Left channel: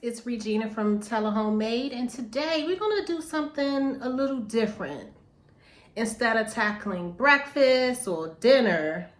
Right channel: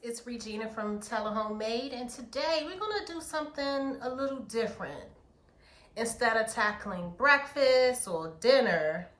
It's Regina from Homemade, and today we're gonna do something a little different. Instead of tackling breakfast or dinner,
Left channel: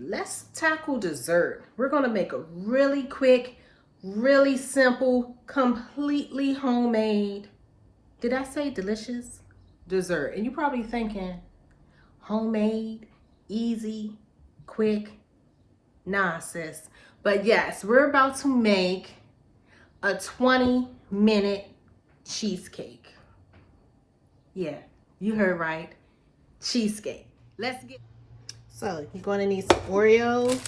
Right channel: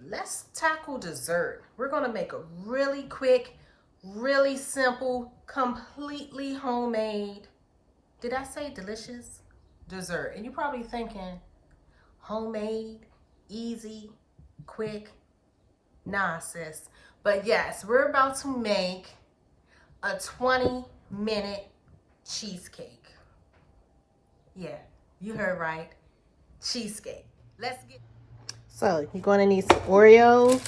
let's tackle dessert. We're gonna make a really quick, really simple, completely homemade, did I say delicious? Dessert. And you're probably thinking, homemade, easy, quick. Nah, sis. But yes, we're about to make a 20-minute cheesecake. Yeah, you heard right. Cheesecake. Let's get. So you're going to need some Oreos,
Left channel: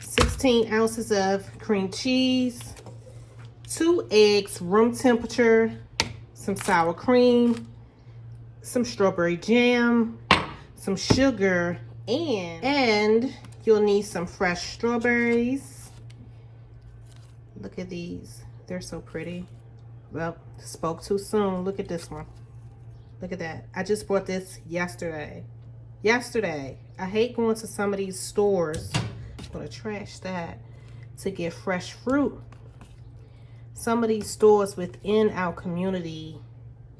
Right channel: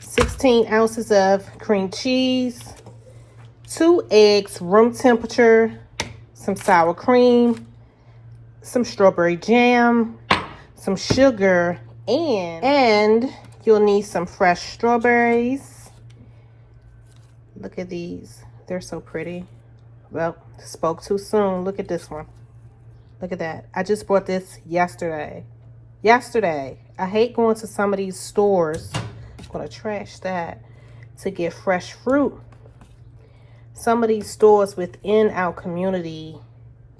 16 ounces of cream cheese, 2 eggs, room temperature, some sour cream, some strawberry jam, some sugar, and you'll need some fresh strawberries. Look at these. They're so pretty. Well, spoke too soon. Look at this one. Look at that. I just bought this yesterday. I hate going to some of these stores. I'm going to trash that to get fresh fruit. Some of these stores within our community,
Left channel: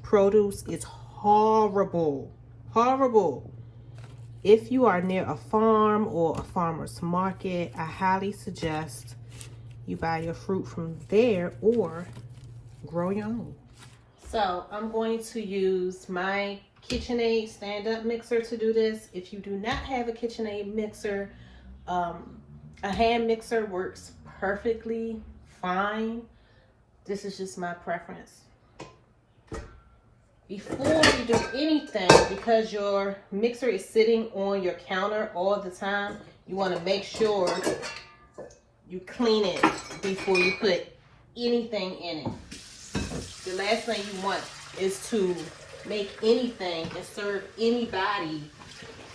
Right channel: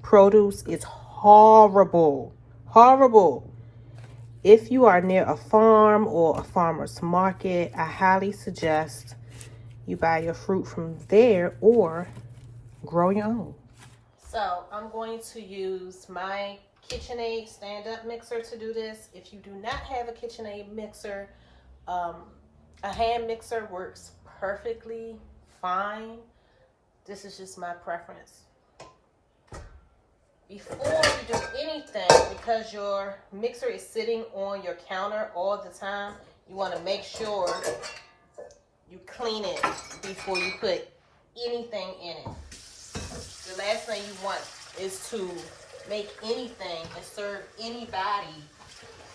produce is horrible. Horrible. If you are near a farm or a farmer's market, I highly suggest you buy your fruit from there or grow your own. So I'm going to use my KitchenAid stand-up mixer to do this. If you do not have a KitchenAid mixer, a hand mixer works perfectly fine. This is just my preference. Before you do anything, because your mixer is sitting on your counter all the time, you want to make sure you clean it before you put anything in it. The last thing you want is to make anything and serve anybody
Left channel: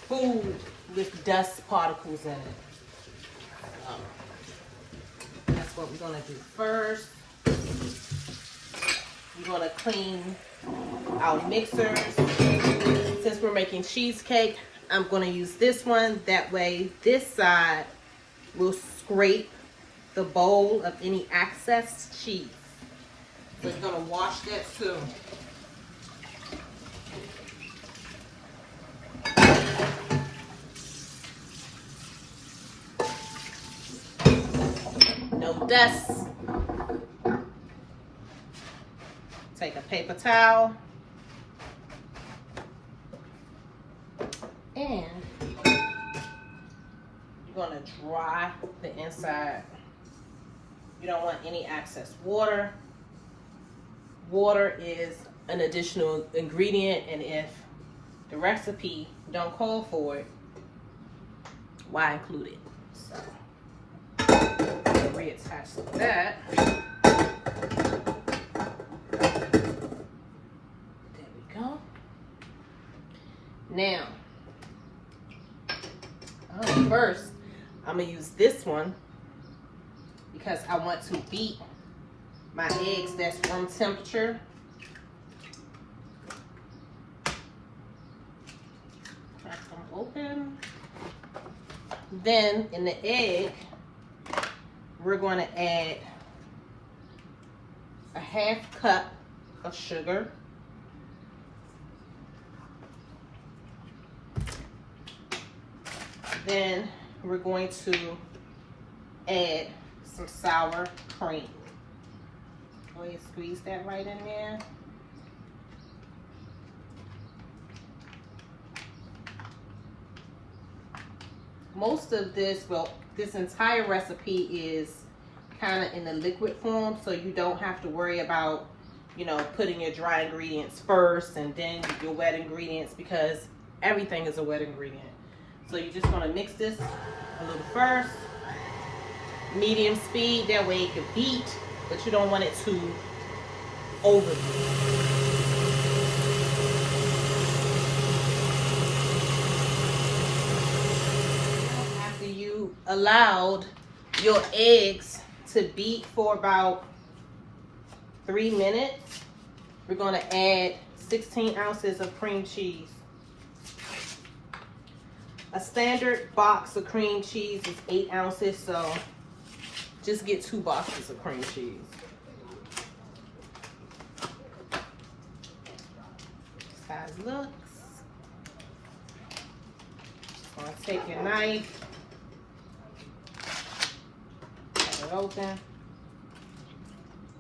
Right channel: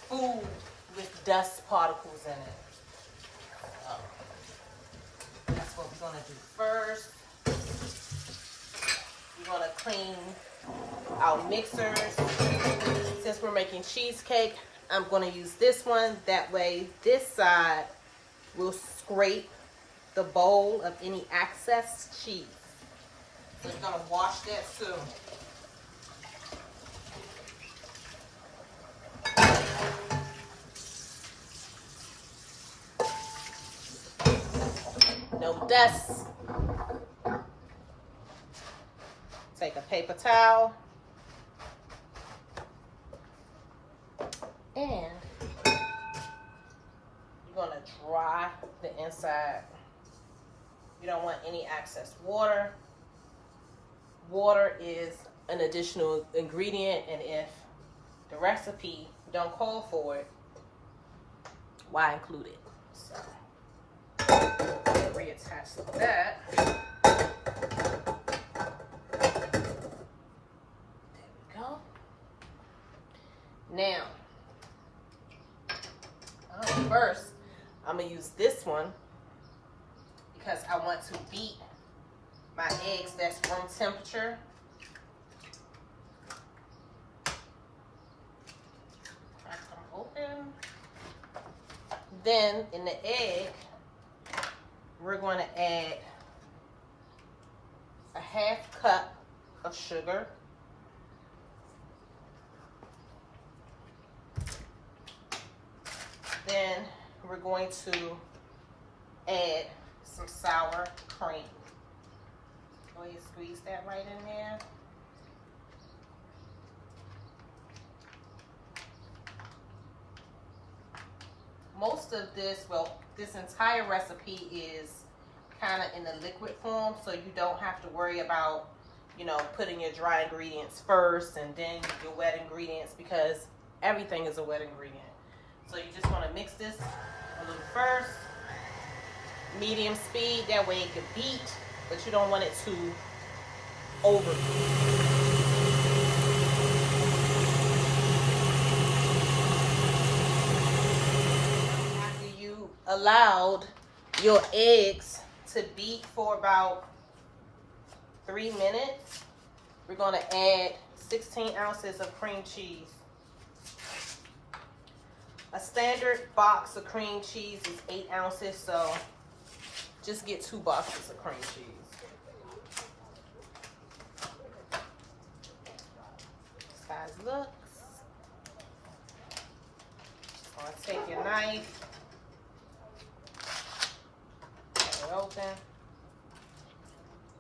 food with dust particles in it. That's what we're going to do first. We're going to clean our mixers. Since we're making cheesecake, I'm going to use this one. That way this side will scrape the bowl of any excess cheese. So it's going to wash that too. No dust. Take a paper towel and you're going to dry the inside. You don't want any excess water. Water is an additional ingredient, and if the recipe don't call for it, why include it? So reattach that. Now, first, I'm going to use this one because I want to beat my eggs that's room temperature. Crack them open. Then, in the egg, we're going to add a half cup of sugar. Then we're going to add some sour cream. Go ahead and squeeze that right in there. Most of this, well, this entire recipe is kind of in the liquid form, so you don't have to worry about, putting your dry ingredients first and then your wet ingredients, because everything is a wet ingredient. So you just want to mix this a little first, medium speed, that way it can beat, but you don't want it to overbeat. After you allowed your eggs to beat for about 3 minutes, we're going to add 16 ounces of cream cheese. A standard box of cream cheese is 8 ounces, so just get 2 boxes of cream cheese. That's how it looks. Just gonna take your knife, cut it open,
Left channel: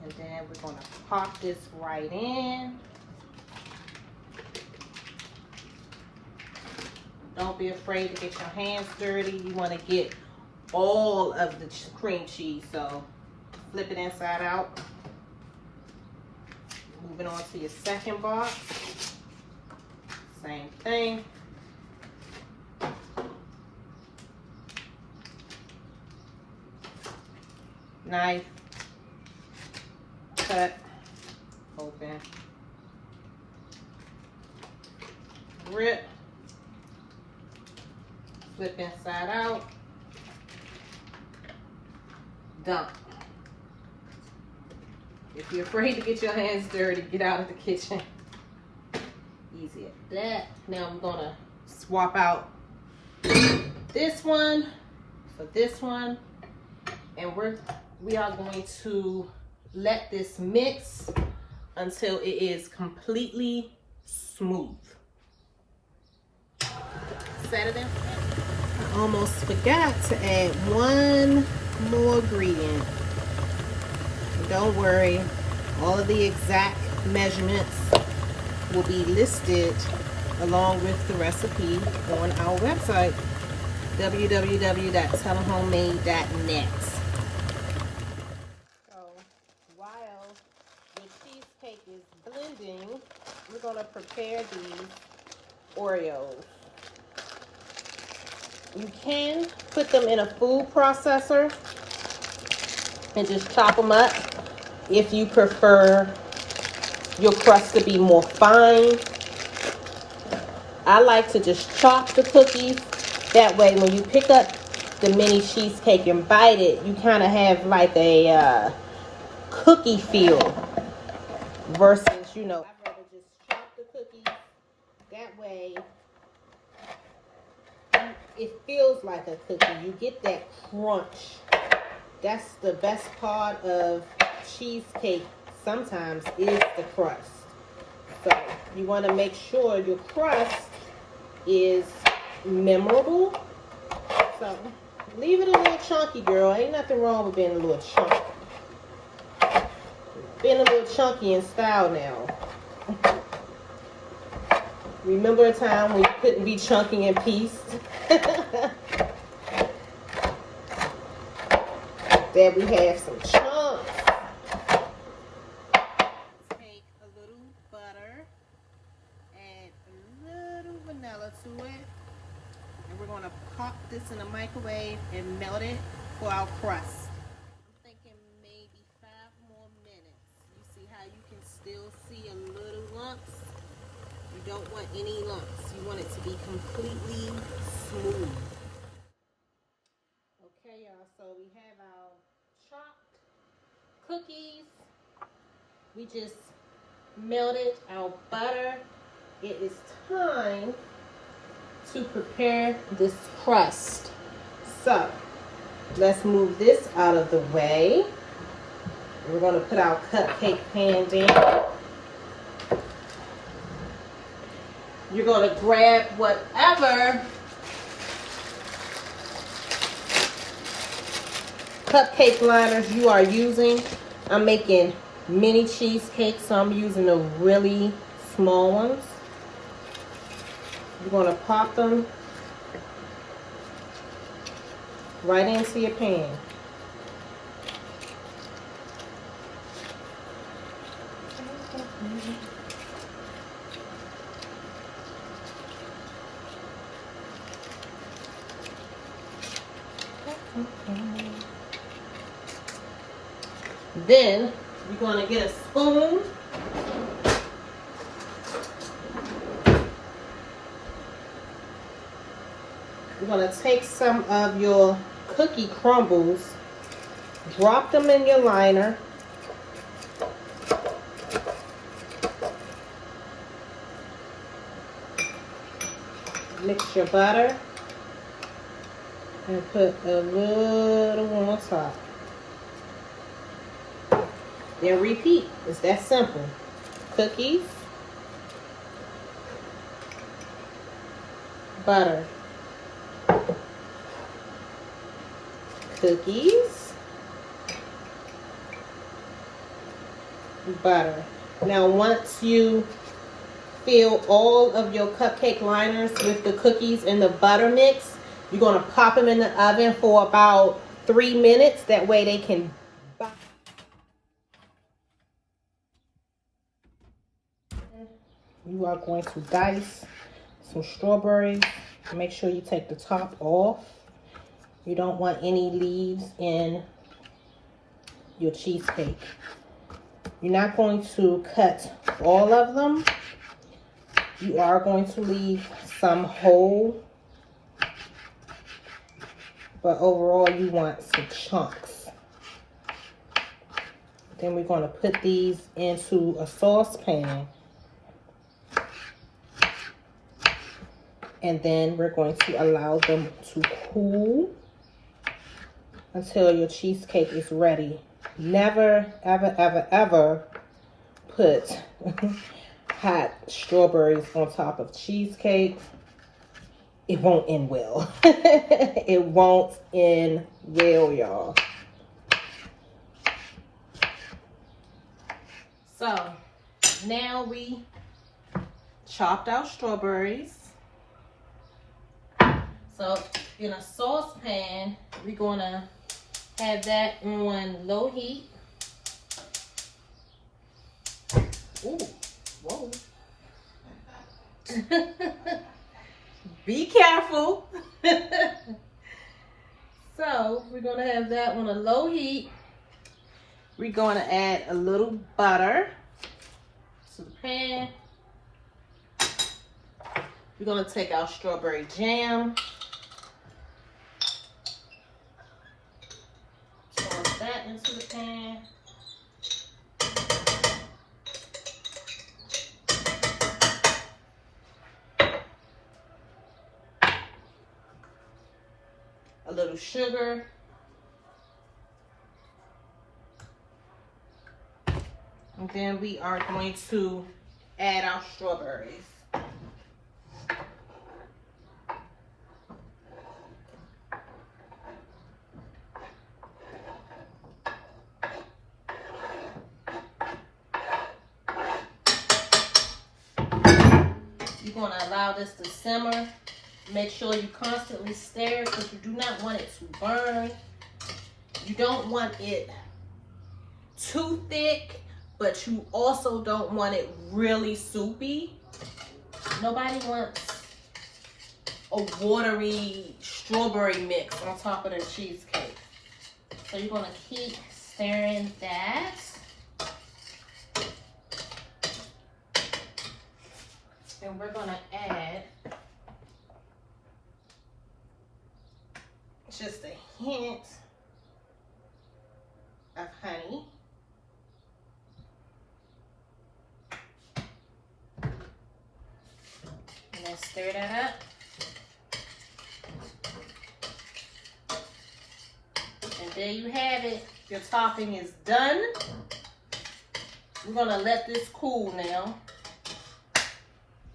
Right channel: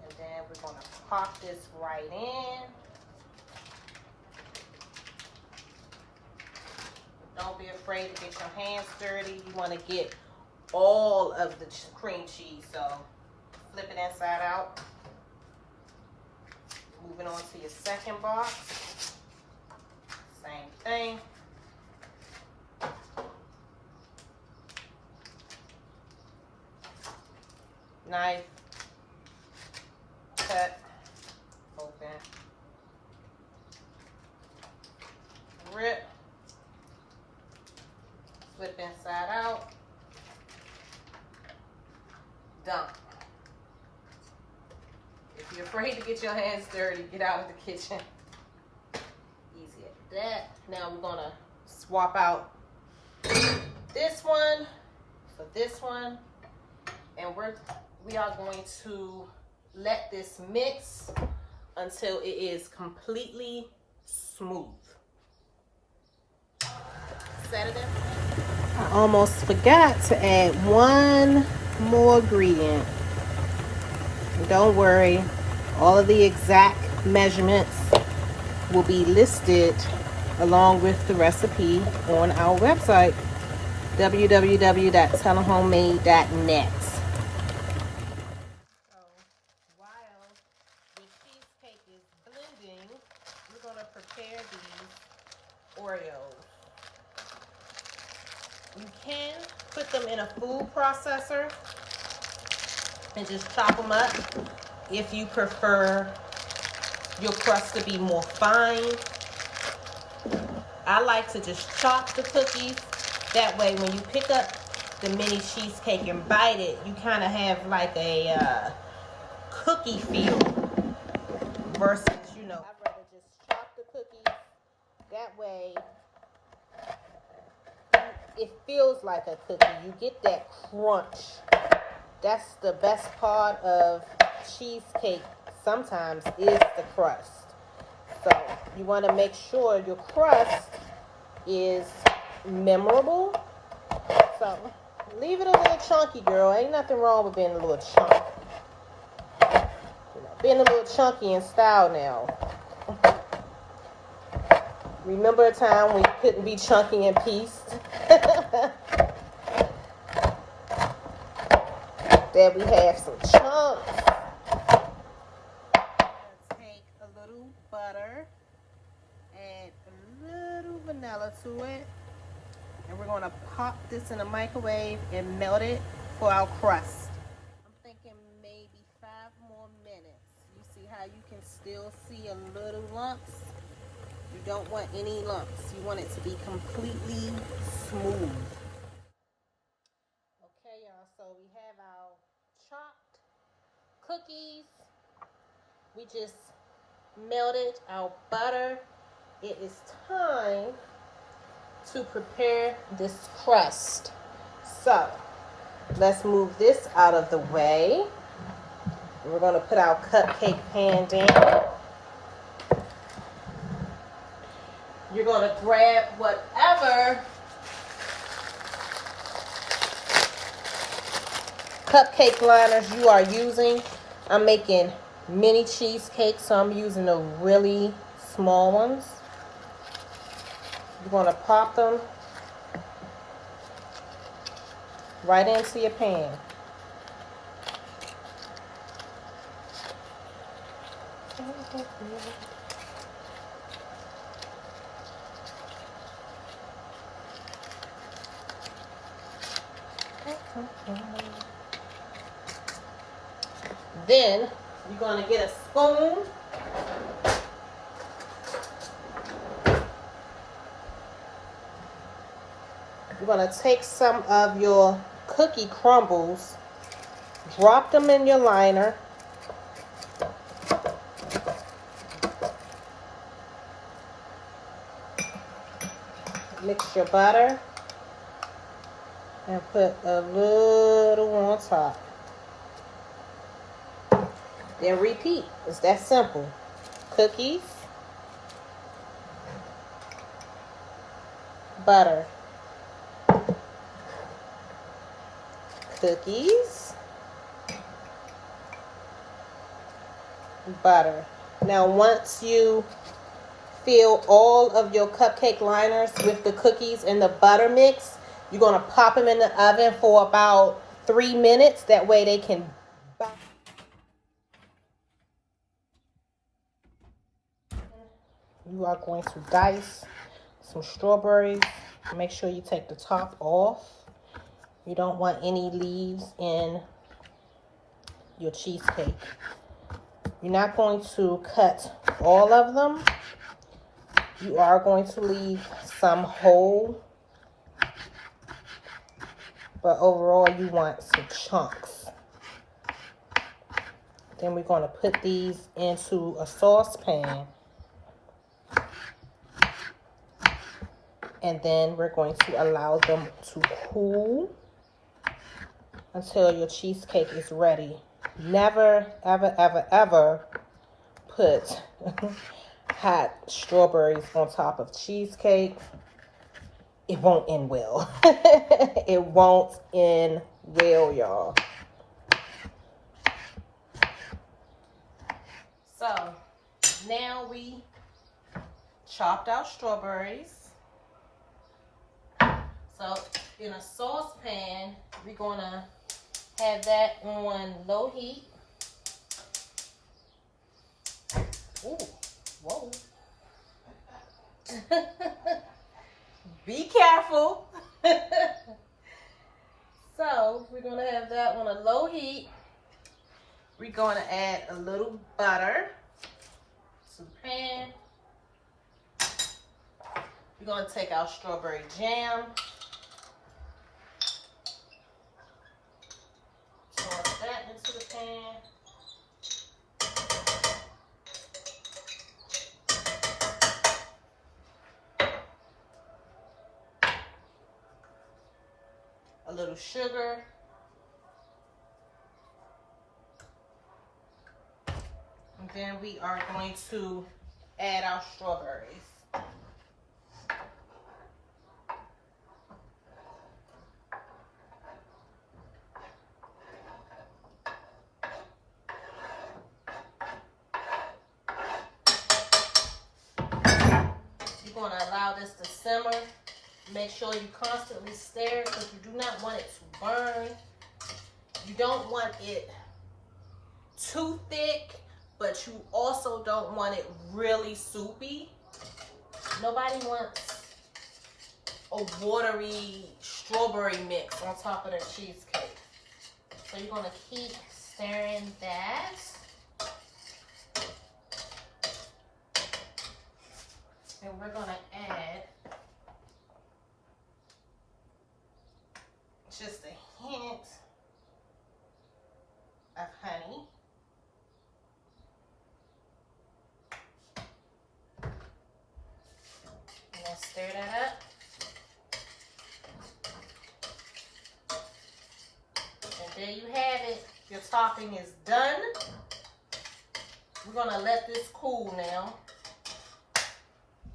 and then we're gonna pop this right in. Don't be afraid to get your hands dirty. You want to get all of the cream cheese, so flip it inside out. Moving on to your second box. Same thing. Knife, cut, open, rip, flip inside out, dump. If you're afraid to get your hands dirty, get out of the kitchen. Easy as that. Now we're gonna swap out this one for this one, and we are going to let this mix until it is completely smooth. Set it in. I almost forgot to add one more ingredient. Don't worry, all of the exact measurements will be listed along with the recipe on our website, www.telehomemade.net. So while the cheesecake is blending, we're going to prepare these Oreos. You can put them in a food processor and just chop them up if you prefer your crust to be more fine. I like to just chop the cookies. That way when you pick up the mini cheesecake and bite it, you kind of have like a cookie feel versus, you know, I'd rather just chop the cookies. That way it feels like a cookie. You get that crunch. That's the best part of cheesecake sometimes is the crust. So you want to make sure your crust is memorable. So leave it a little chunky, girl. Ain't nothing wrong with being a little chunky. Being a little chunky in style now. Remember a time when you couldn't be chunky in peace? There we have some chunks. Let's take a little butter, add a little vanilla to it, and we're going to pop this in the microwave and melt it for our crust. I'm thinking maybe 5 more minutes. You see how you can still see a little lumps? You don't want any lumps. You want it to be completely smooth. Okay, y'all, so we have our chopped cookies. We just melted our butter. It is time to prepare this crust. So let's move this out of the way. We're going to put our cupcake pan down. You're going to grab whatever cupcake liners you are using. I'm making mini cheesecakes, so I'm using the really small ones. You're going to pop them right into your pan. Then you're going to get a spoon. You're going to take some of your cookie crumbles, drop them in your liner. Mix your butter and put a little on top. then repeat. It's that simple. Cookies, butter, cookies, butter. Now once you fill all of your cupcake liners with the cookies and the butter mix, you're going to pop them in the oven for about 3 minutes. That way they can You are going to dice some strawberries. Make sure you take the top off. You don't want any leaves in your cheesecake. You're not going to cut all of them. You are going to leave some whole, but overall you want some chunks. Then we're going to put these into a saucepan. And then we're going to allow them to cool until your cheesecake is ready. Never, ever, ever, ever put hot strawberries on top of cheesecake. It won't end well. It won't end well, y'all. So now we chopped out strawberries. So in a saucepan, we're gonna have that on low heat. Ooh, whoa. Be careful. So we're gonna have that on a low heat. We're gonna add a little butter to the pan. We're gonna take our strawberry jam. Toss that into the pan. A little sugar. And then we are going to add our strawberries. You're going to allow this to simmer. Make sure you constantly stir it because you do not want it to burn. You don't want it too thick, but you also don't want it really soupy. Nobody wants a watery strawberry mix on top of their cheesecake. So you're going to keep stirring that. And we're going to add just a hint of honey. And then stir that up. And there you have it. Your topping is done. We're going to let this cool now.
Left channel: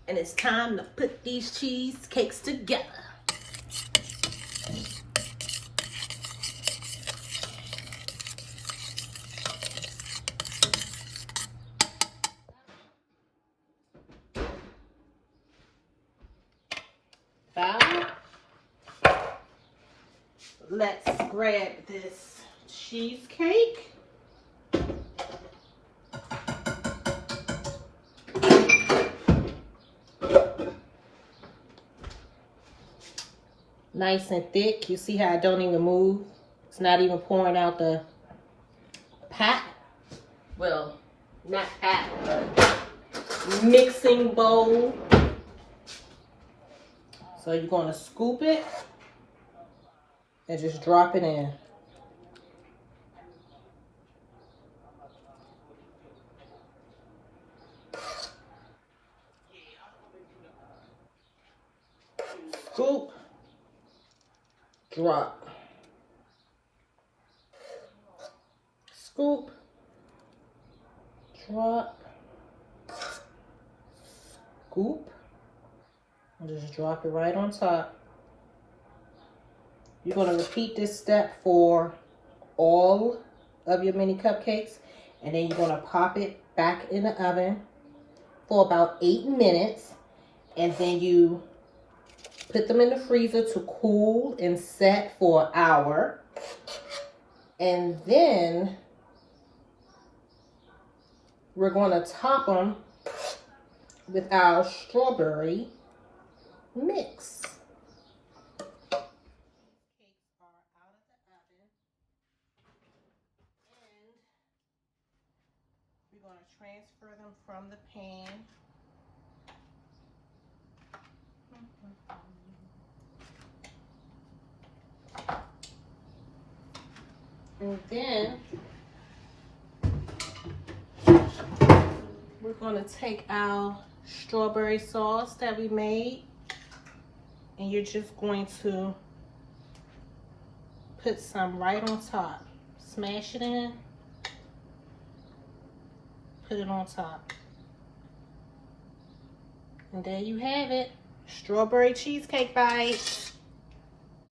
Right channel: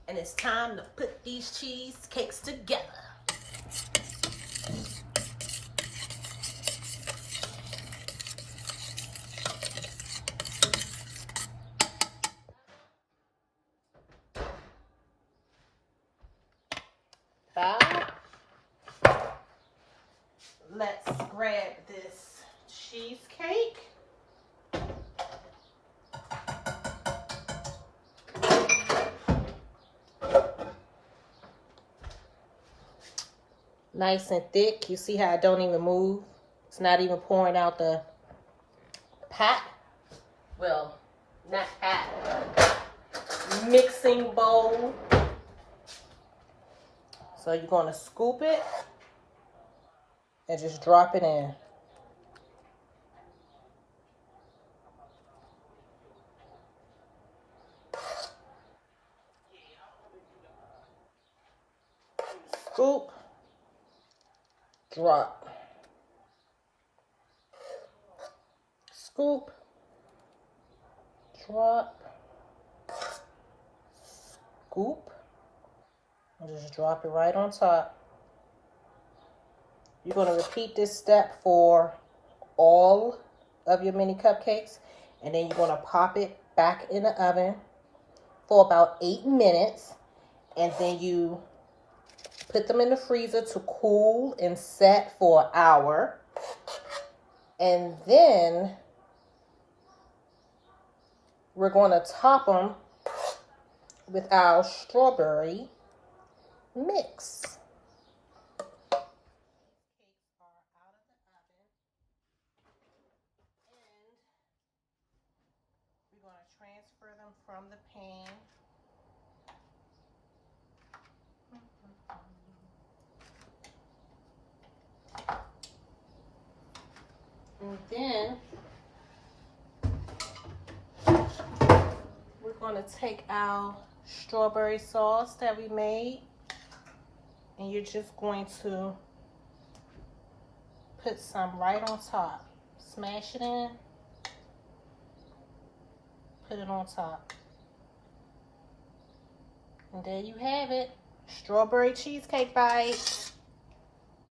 And it's time to put these cheesecakes together. Let's grab this cheesecake. Nice and thick. You see how I don't even move? It's not even pouring out the pot. Well, not pot, but mixing bowl. So you're going to scoop it and just drop it in. Scoop, drop. Scoop, drop, scoop, and just drop it right on top. You're going to repeat this step for all of your mini cupcakes, and then you're going to pop it back in the oven for about 8 minutes, and then you put them in the freezer to cool and set for an hour. And then we're going to top them with our strawberry mix. We're going to transfer them from the pan. And then we're going to take our strawberry sauce that we made, and you're just going to put some right on top. Smash it in, put it on top. And there you have it, strawberry cheesecake bites.